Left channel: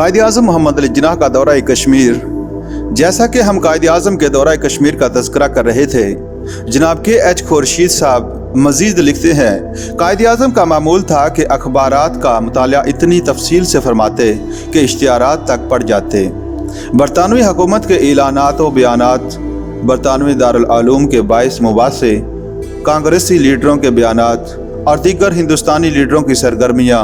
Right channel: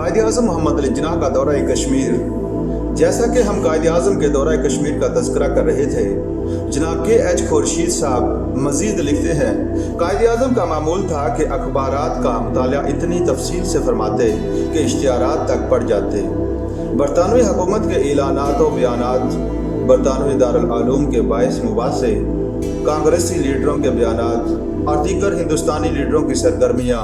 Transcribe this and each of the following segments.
कायद आज़म मोहम्मद अली जिन्नाह का दौरा कश्मीर। जैसा कि हम कायद आज़म के दौरा कश्मीर का तज़किरा कर रहे थे, जनाब KH खुर्शीद साहब मज़ीद लिखते हैं, कायद आज़म का मामूल था कि अखबारात का मुताला इतनी तफसील से फरमाते कि इश्तिहारात तक पढ़ जाते। बरतानवी हुकूमत के ऐलानात व बयानात, बरतानवी दारुल उलूम के बाइस मुबासे, कांग्रेसी लीडरों के बयानात और दीगर हिंदुस्तानी लीडरों की सरगर्मियाँ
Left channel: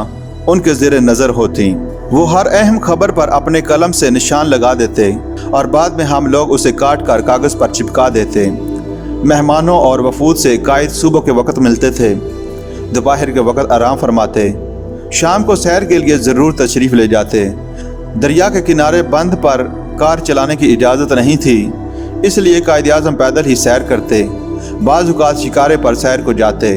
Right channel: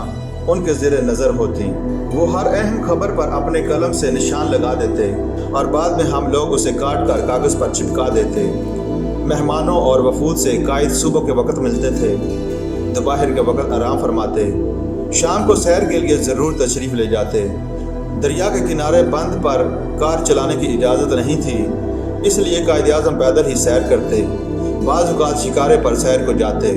उनके ज़ेर नज़र होती। वो हर अहम खबर पर अपने कलम से निशान लगा देते और बाद में हम लोग उसे काट कर कागज़ पर चिपका देते। मेहमानों और वफूद से कायद सुबह के वक्त मिलते थे, दोपहर के वक्त आराम फरमाते, शाम को सैर के लिए ज़रूर तशरीफ़ ले जाते। दरिया के किनारे बंद पर कार चलाने की इजाज़त नहीं थी, इसलिए कायद आज़म पैदल ही सैर करते। बाज़ औक़ात शिकारे पर सैर को जाते।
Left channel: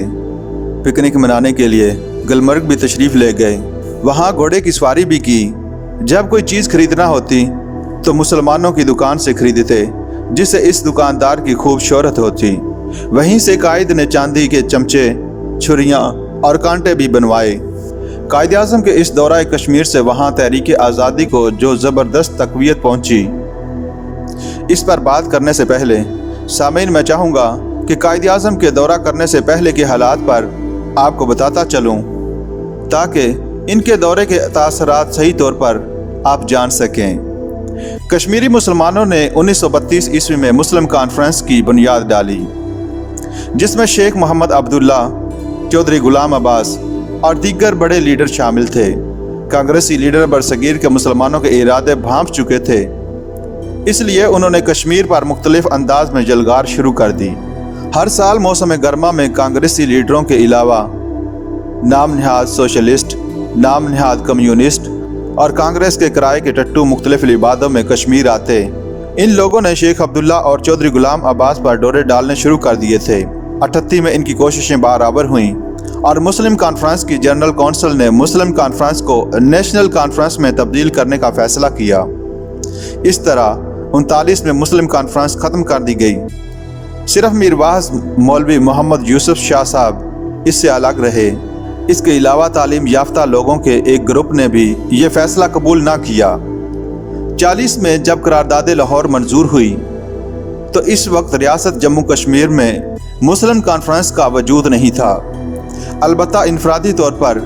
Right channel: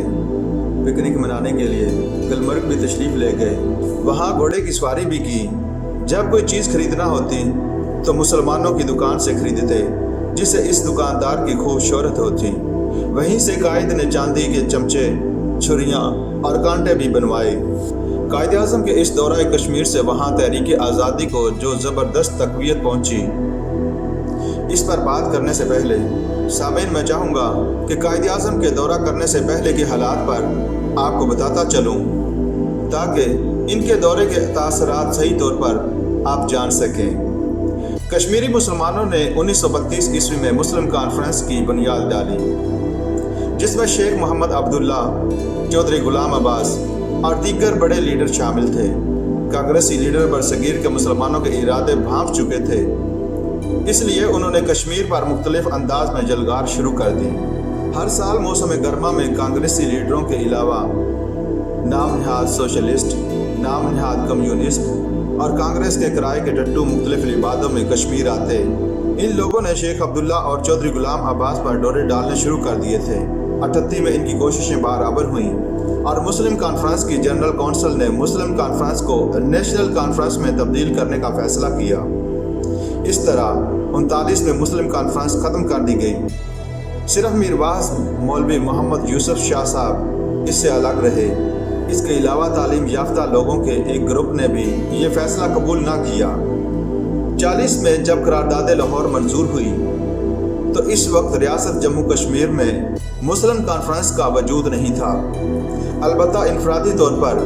पिकनिक मनाने के लिए गुलमर्ग भी तशरीफ़ ले गए, वहाँ घोड़े की सवारी भी की। जब कोई चीज़ खरीदना होती तो मुसलमानों की दुकान से खरीदते, जिससे इस दुकानदार की खूब शोहरत होती। वहीं से कायद ने चांदी के चमचे, छुरियाँ और कांटे भी बनवाए। कायद आज़म के इस दौरा कश्मीर से वहाँ तहरीक आज़ादी को जो ज़बरदस्त तक़वियत पहुँची, इस पर बात करने से पहले सामीन मैं चाहूँगा कि कायद आज़म के दौरा करने से पहले के हालात पर आपको बताता चलूँ, ताकि इनके दौरे के तासरात सही तौर पर आप जान सकें। कश्मीरी मुसलमानों ने 1932 ईस्वी में मुस्लिम कॉन्फ्रेंस की बुनियाद डाली, जिसमें शेख मोहम्मद अब्दुल्ला, चौधरी गुलाम अब्बास और दीगर बड़े लीडर शामिल थे। कांग्रेसी लीडर बरसगीर के मुसलमानों के इरादे भांप चुके थे, इसलिए उन्होंने कश्मीर पर मुख्तलिफ अंदाज में जलगार शुरू कर दी। हर साल मौसम गर्मा में कांग्रेसी लीडरों के अलावा नाम नहाद सोशलिस्ट, नाम नहाद कम्युनिस्ट और कांग्रेस के किराए के टट्टू मुख्तलिफ लिबादों में कश्मीर आते। इन लोगों ने शेख अब्दुल्ला और चौधरी गुलाम अब्बास पर डोरे डालने शुरू कर दिए थे। 38 में इनकी कोशिशें बराबर हुईं और मुस्लिम कॉन्फ्रेंस की जनरल कौंसिल ने मुस्लिम कॉन्फ्रेंस को नेशनल कॉन्फ्रेंस में तब्दील करने का फैसला किया। इस तरह 39 में मुस्लिम कॉन्फ्रेंस ख़त्म कर दी गई। सिर्फ मीरवाज मौलवी मोहम्मद यूसुफ शाह साहब इससे अलग रहे। इसके अलावा तालीम याफ्ता लोगों के एक ग्रुप ने भी ये फैसला कबूल ना किया। 40 में जब करारदाद लाहौर मंजूर हुई तो इस वक्त रियासत जम्मू कश्मीर में मुस्लिम कॉन्फ्रेंस का वजूद नहीं था। अलबत्ता इनफरादी तौर पर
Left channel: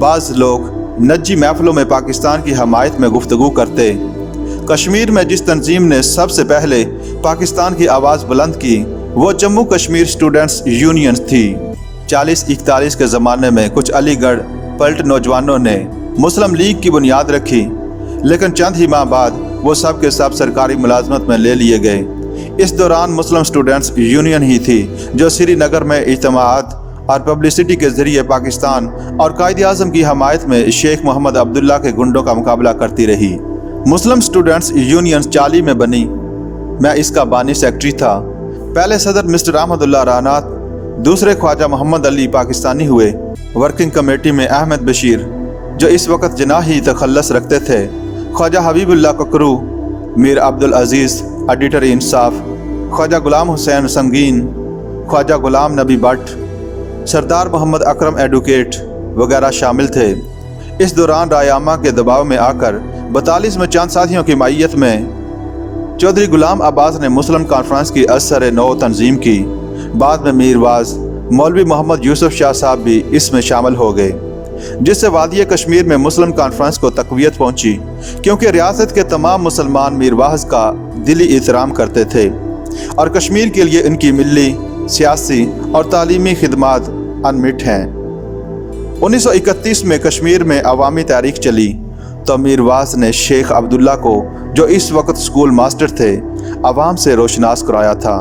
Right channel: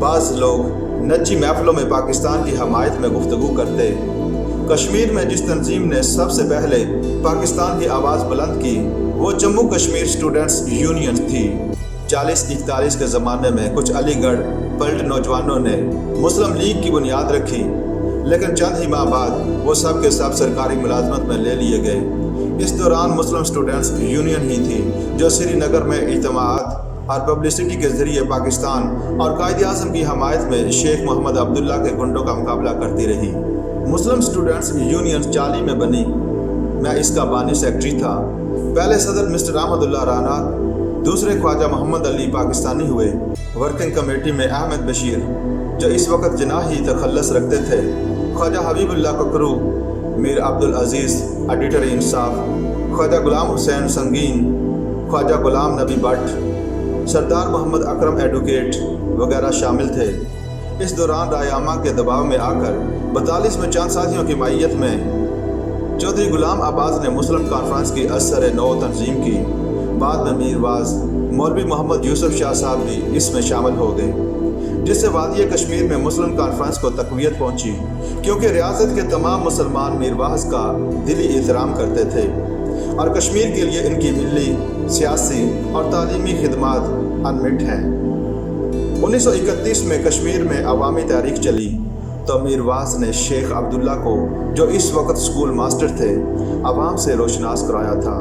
बाज़ लोग नजी महफिलों में पाकिस्तान की हमायत में गुफ्तगू करते। कश्मीर में जिस तंजीम ने सबसे पहले पाकिस्तान की आवाज़ बुलंद की वो जम्मू कश्मीर स्टूडेंट्स यूनियन थी। 40-41 के ज़माने में कुछ अलीगढ़ पलट नौजवानों ने मुस्लिम लीग की बुनियाद रखी, लेकिन चंद ही माह बाद वो सब के सब सरकारी मुलाजमत में ले लिए गए। इस दौरान मुस्लिम स्टूडेंट्स यूनियन ही थी जो श्रीनगर में इज्तिमाआत और पब्लिसिटी के ज़रिए पाकिस्तान और कायद आज़म की हमायत में शेख मोहम्मद अब्दुल्ला के गुंडों का मुकाबला करती रही। मुस्लिम स्टूडेंट्स यूनियन 40 में बनी। मैं इसका बानी सेक्रेटरी था। पहले सदर मिस्टर अहमदुल्ला राना, दूसरे ख्वाजा मोहम्मद अली पाकिस्तानी हुए। वर्किंग कमेटी में अहमद बशीर, जो इस वक्त जनाही तखल्लस रखते थे, ख्वाजा हबीबुल्लाह ककरू, मीर अब्दुल अजीज़ एडिटर इंसाफ, ख्वाजा गुलाम हुसैन संगीन, ख्वाजा गुलाम नबी भट्ट, सरदार मोहम्मद अकरम एडवोकेट वगैरह शामिल थे। इस दौरान रायामा के दबाव में आकर 42 में चंद साथियों की मायत में चौधरी गुलाम अब्बास ने मुस्लिम कॉन्फ्रेंस की असर नौ तंजीम की। बाद में मीरवाज मौलवी मोहम्मद यूसुफ शाह साहब भी इसमें शामिल हो गए, जिससे वादी कश्मीर में मुस्लिम कॉन्फ्रेंस को तक़वियत पहुंची, क्योंकि रियासत के तमाम मुसलमान मीरवाज का दिली एहतराम करते थे और कश्मीर के लिए इनकी मिली, सियासी और तालीमी खिदमात अनमिट हैं। 1931 में कश्मीर में अवामी तहरीक चली तो मीरवाज ने शेख अब्दुल्ला को, जो इस वक्त स्कूल मास्टर थे, अवाम से रोशनास कराया था।